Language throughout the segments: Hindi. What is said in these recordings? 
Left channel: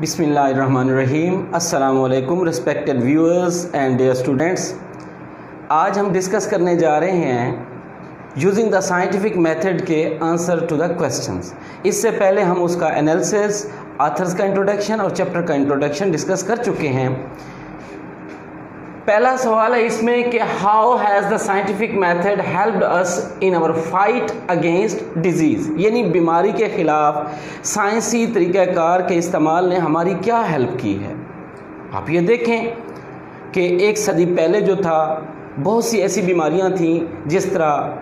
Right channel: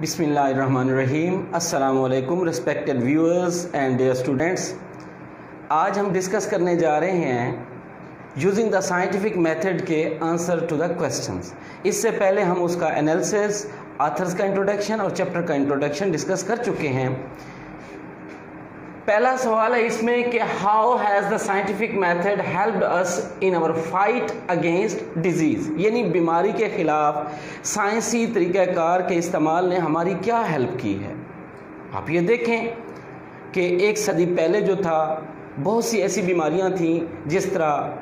बिस्मिल्लाहिर्रहमानिर्रहीम। अस्सलामुअलैकुम respected viewers and dear students. आज हम डिस्कस करने जा रहे हैं यूजिंग द साइंटिफिक मेथड के आंसर टू द क्वेश्चंस। इससे पहले हम उसका एनालिसिस, ऑथर्स का इंट्रोडक्शन और चैप्टर का इंट्रोडक्शन डिस्कस कर चुके हैं। पहला सवाल है इसमें कि how has the scientific method helped us in our fight against disease, यानी बीमारी के खिलाफ साइंसी तरीक़ाकार के इस्तेमाल ने हमारी क्या हेल्प की है। आप ये देखें कि एक सदी पहले जो था बहुत सी ऐसी बीमारियां थीं जिस तरह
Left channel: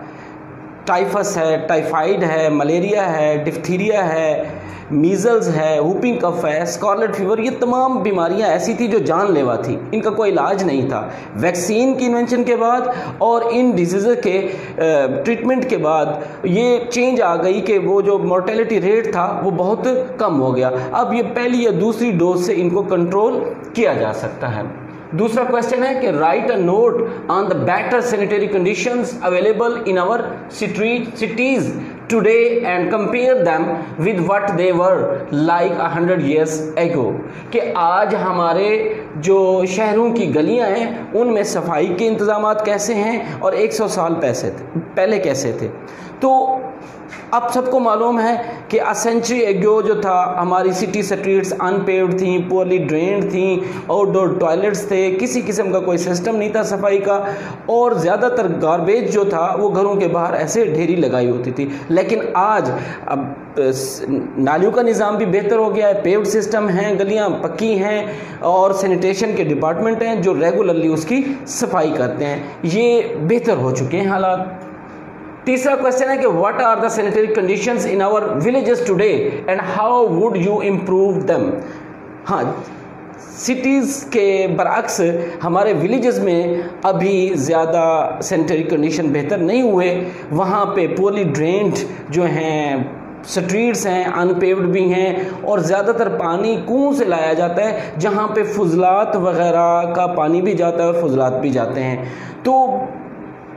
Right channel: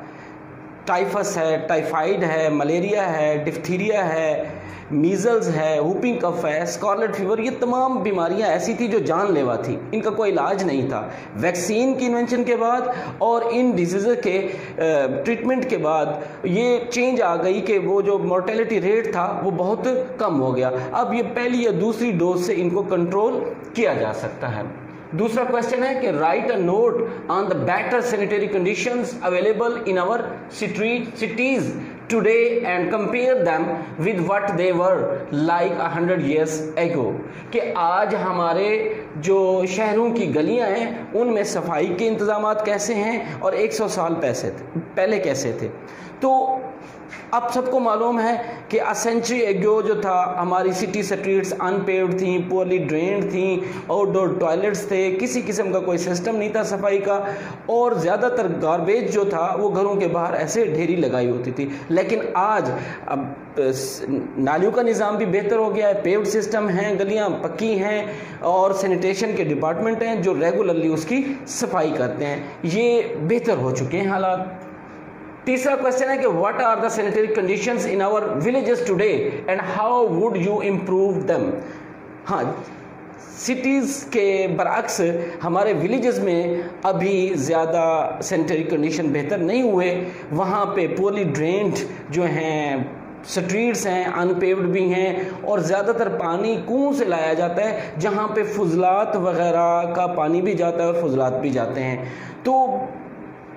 टाइफस है, टाइफाइड है, मलेरिया है, डिफ्थीरिया है, मीज़ल्स है, वूपिंग कफ है, स्कारलेट फीवर, ये तमाम बीमारियां ऐसी थी जो जानलेवा थी, इनका कोई इलाज नहीं था। वैक्सीन की इन्वेंशन के बाद और इन डिजीज़ के ट्रीटमेंट के बाद ये चेंज आ गई कि वो जो मोर्टेलिटी रेट था वो बहुत कम हो गया। अब ये पहली या दूसरी डोज से इनको कंट्रोल किया जा सकता है। दूसरा क्वेश्चन है कि write a note on the better sanitary conditions available in our cities today and compare them with what they were like 100 years ago, कि आज हमारे जो शहरों की गलियां हैं उनमें सफाई के इंतजामात कैसे हैं और 100 साल पहले कैसे थे। तो अब सबको मालूम है कि अ सेंचुरी एगो जो था हमारी सिटी स्ट्रीट्स अनपेव्ड थी, पुअरली ड्रेन्ड थी, आउटडोर टॉयलेट्स थे, किसी किस्म का कोई सिस्टम नहीं था सफाई का, और ज़्यादातर गार्बेज जो था वो घरों के बाहर ऐसे ढेरी लगाई होती थी। लेकिन आज अब नालियों का निज़ाम भी बेहतर हो गया है, पेव्ड सिस्टम हैं, गलियां पक्की हैं और सैनिटेशन के डिपार्टमेंट हैं जो रेगुलरली उसकी सफाई करते हैं। ये बेहतर हो चुके हैं हालात। तीसरा क्वेश्चन है कि what are the sanitary conditions in our villages today and how would you improve them. हाँ, सिटीज़ के बरअक्स हमारे विलेजेस में अभी ज़्यादा सैनिटरी कंडीशन बेहतर नहीं हुए। वहाँ पे पुअरली ड्रेन्ड जो हैं स्ट्रीट्स हैं, अनपेव्ड भी हैं, और ज़्यादातर पानी कुओं से लाया जाता है जहाँ पे फुजलात वगैरह का पानी भी जाता है और फुजलात भी जाते हैं। तो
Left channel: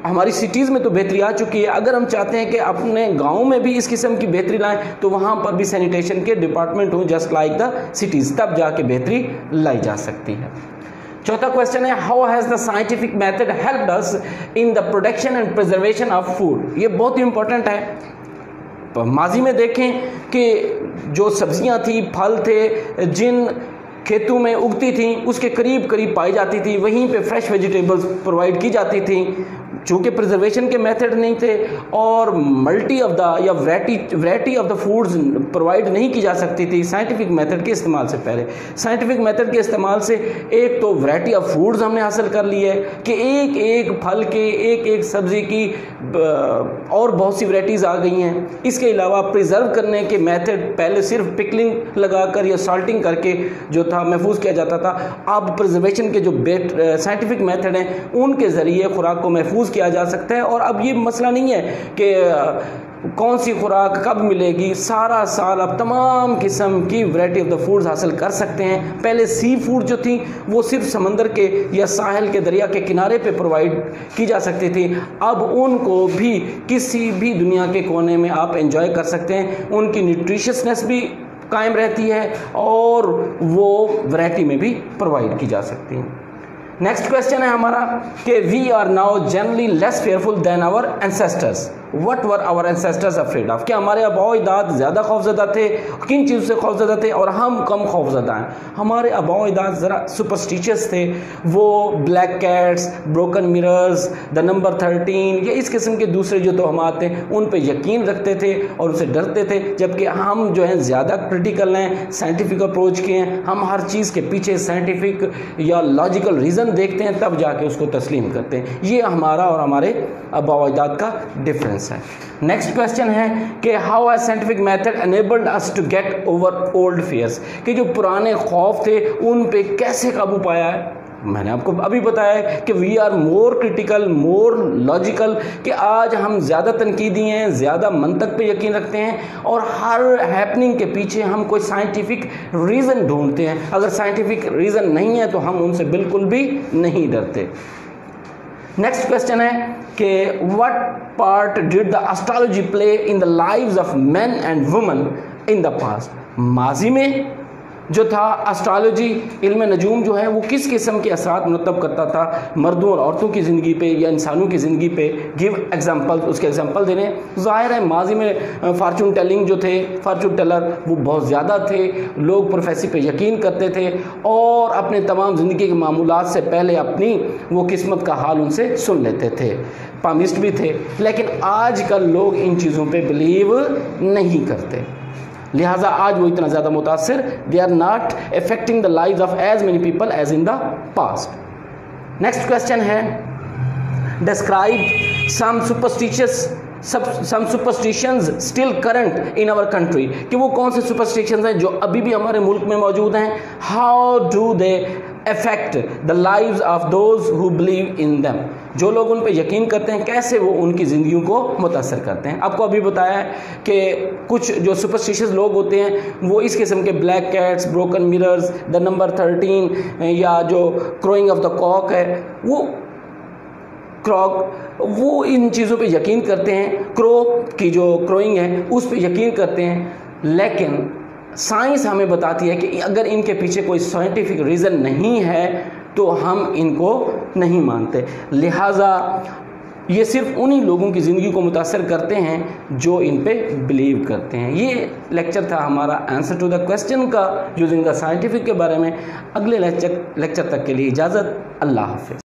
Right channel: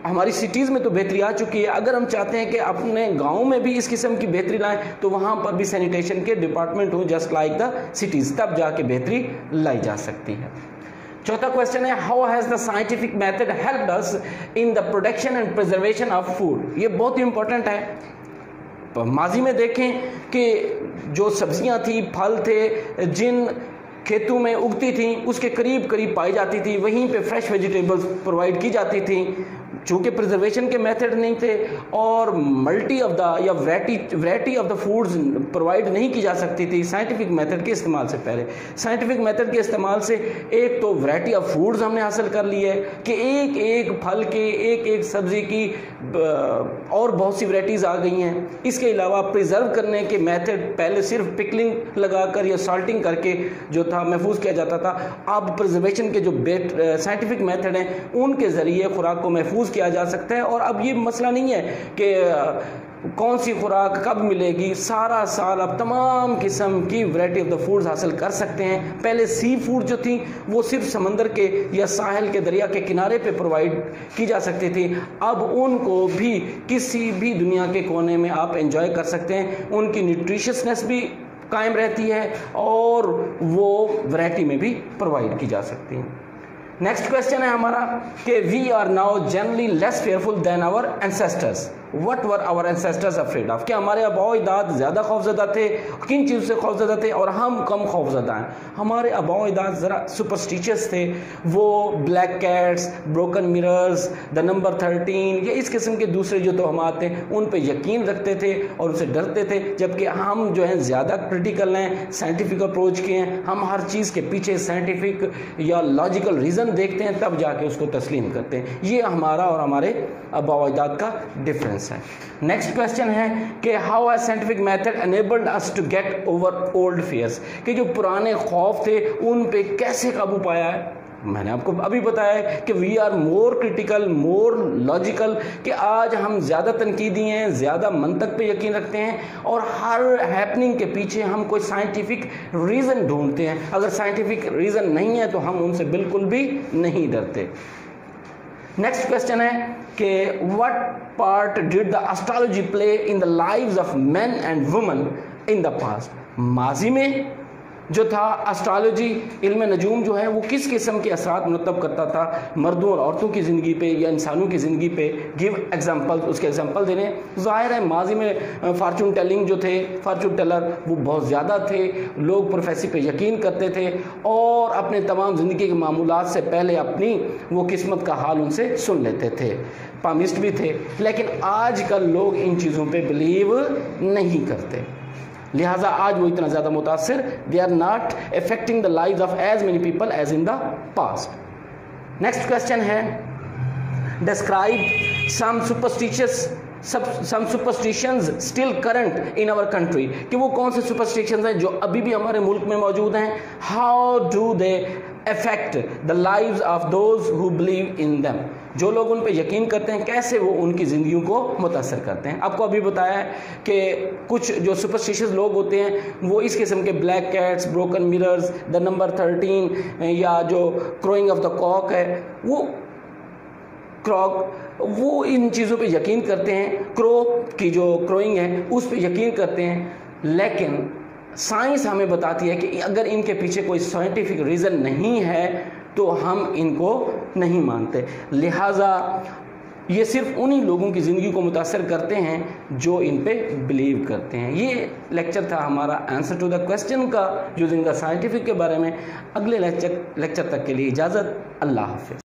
हमारी सिटीज़ में तो बेहतरी आ चुकी है। अगर हम चाहते हैं कि अपने गाँव में भी इस किस्म की बेहतरी लाएं तो वहाँ पर भी सैनिटेशन के डिपार्टमेंट हों जस्ट लाइक द सिटीज़, तब जाके बेहतरी लाई जा सकती है। चौथा क्वेश्चन है how has the scientific method helped us in the production and preservation of food. ये बहुत ही इंपॉर्टेंट है। माजी में देखें कि जो सब्जियां थी, फल थे, जिन खेतों में उगती थी उसके करीब करीब पाई जाती थी, वहीं पे फ्रेश वेजिटेबल्स प्रोवाइड की जाती थी। चूँकि प्रिजर्वेशन के मेथड नहीं थे और मल्टी ऑफ द या variety of the foods provide नहीं की जा सकती थी साइंटिफिक मेथड के इस्तेमाल से पहले। साइंटिफिक मेथड के इस्तेमाल से एक तो वैरायटी ऑफ फूड्स हमने हासिल कर ली है कि एक एक फल के, एक एक सब्ज़ी की और बहुत सी वैरायटीज़ आ गई हैं। इसके अलावा प्रिजर्व करने के मेथड पहले सिर्फ पिकलिंग लगाकर या साल्टिंग करके जो था महफूज किया जाता था। अब प्रिजर्वेशन के जो साइंटिफिक मेथड हैं उनके ज़रिए खुराक को महफूज किया जा सकता है। और अब ये मसला नहीं है कि कौन सी खुराक कब मिलेगी, सारा साल आप तमाम किस्म की वैरायटी ऑफ द फूड्स हासिल कर सकते हैं। पहले सी फूड जो थी वो सिर्फ समंदर के या साहिल के, दरिया के किनारे पे प्रोवाइड की जा सकती थी। अब उनको भी किसी भी दुनिया के कोने में आप एंजॉय कर सकते हैं। उनकी न्यूट्रिशियसनेस भी कायम रहती है और वो वैरायटी में भी प्रोवाइड की जा सकती है। नेक्स्ट क्वेश्चन है हमारा कि we are now generally less fearful than our ancestors. What were our ancestors afraid of, क्या हमारे आबाओ अजदाद ज़्यादा खौफजदा थे, किन चीज़ों से खौफजदा थे और हम कम खौफजदा हैं। हमारे आबाओ अजदाद ज़रा सुपरस्टिशियस थे। वो black cats, broken mirrors, the number 13 या इस किस्म के दूसरे जो तोहमात थे उन पर यकीन रखते थे और उनसे डरते थे। जबकि हम जो हैं ज़्यादा क्रिटिकल हैं, साइंटिफिक अप्रोच के हैं। हम हर चीज़ के पीछे साइंटिफिक या लॉजिकल रीज़न देखते हैं तब जाके उसको तस्लीम करते हैं। ये हमारा और हमारे आबाओ अजदाद का डिफरेंस है। नेक्स्ट क्वेश्चन है कि how has scientific method enabled us to get over old fears, कि जो पुराने खौफ थे उन पे कैसे काबू पाया है। मैंने आपको अभी बताया है कि we are more critical, more logical, कि आज हम ज़्यादा तनकीदी हैं, ज़्यादा मंतक पे यकीन रखते हैं और हर हैपनिंग के पीछे हम कोई साइंटिफिक रीज़न ढूंढते हैं। अगर साइंटिफिक रीज़न नहीं है तो हम उनसे बिल्कुल भी नहीं डरते। नेक्स्ट क्वेश्चन है कि what part did the astrology play in the lives of main and women in the past. माजी में जो था एस्ट्रोलॉजी, इल्म नजूम जो है वो किस किस्म के असरात मुरतब करता था मर्दों और औरतों की ज़िंदगी पे या इंसानों की ज़िंदगी पे। गिव एग्जांपल, उसके एग्जांपल देने। ज़ाहिर है माजी में फार्चून टेलिंग जो थे, फार्चून टेलर वो बहुत ज़्यादा थे, लोग प्रोफेसी पे यकीन करते थे और अपने तमाम ज़िंदगी के मामूलात से पहले अपनी वो किस्मत का हाल उनसे सुन लेते थे, पामिस्ट भी थे। लेकिन आजकल लोग इन चीज़ों पे बिलीव नहीं करते, लिहाजा आज वो इतना ज़्यादा मुतासिर, they are not affecting the lives of as many people as in the past. Next question है, describe some superstitions still current in our country, कि वो कौन से सुपरस्टिशंस हैं जो अभी भी हमारे मुल्क में मौजूद हैं। How do they affect the lives of those who believe in them, जो लोग उन पे यकीन करते हैं कैसे वो उनकी ज़िंदगियों को मुतासर करते हैं। आपको अभी बताया है कि कुछ जो सुपरस्टिशियस लोग होते हैं वो इस किस्म के black cats, broken mirrors, the number 13 या जो क्रोइंग ऑफ द कॉक है वो इन चीज़ों पे यकीन करते हैं, क्रो की जो क्रोइंग है उस पे यकीन करते हैं। लेकिन साइंस हमें बताती है कि अगर इनके पीछे कोई साइंटिफिक रीज़न नहीं है तो हम इनको नहीं मानते। लिहाजा ये सिर्फ उन्हीं लोगों की ज़िंदगी को मुतासर करते हैं जो इन पे बिलीव करते हैं। ये लेक्चर था हमारा आंसर टू द क्वेश्चन का, यूजिंग द साइंटिफिक के बारे में। अगले लेक्चर तक के लिए इजाज़त, अल्लाह हाफ़िज़।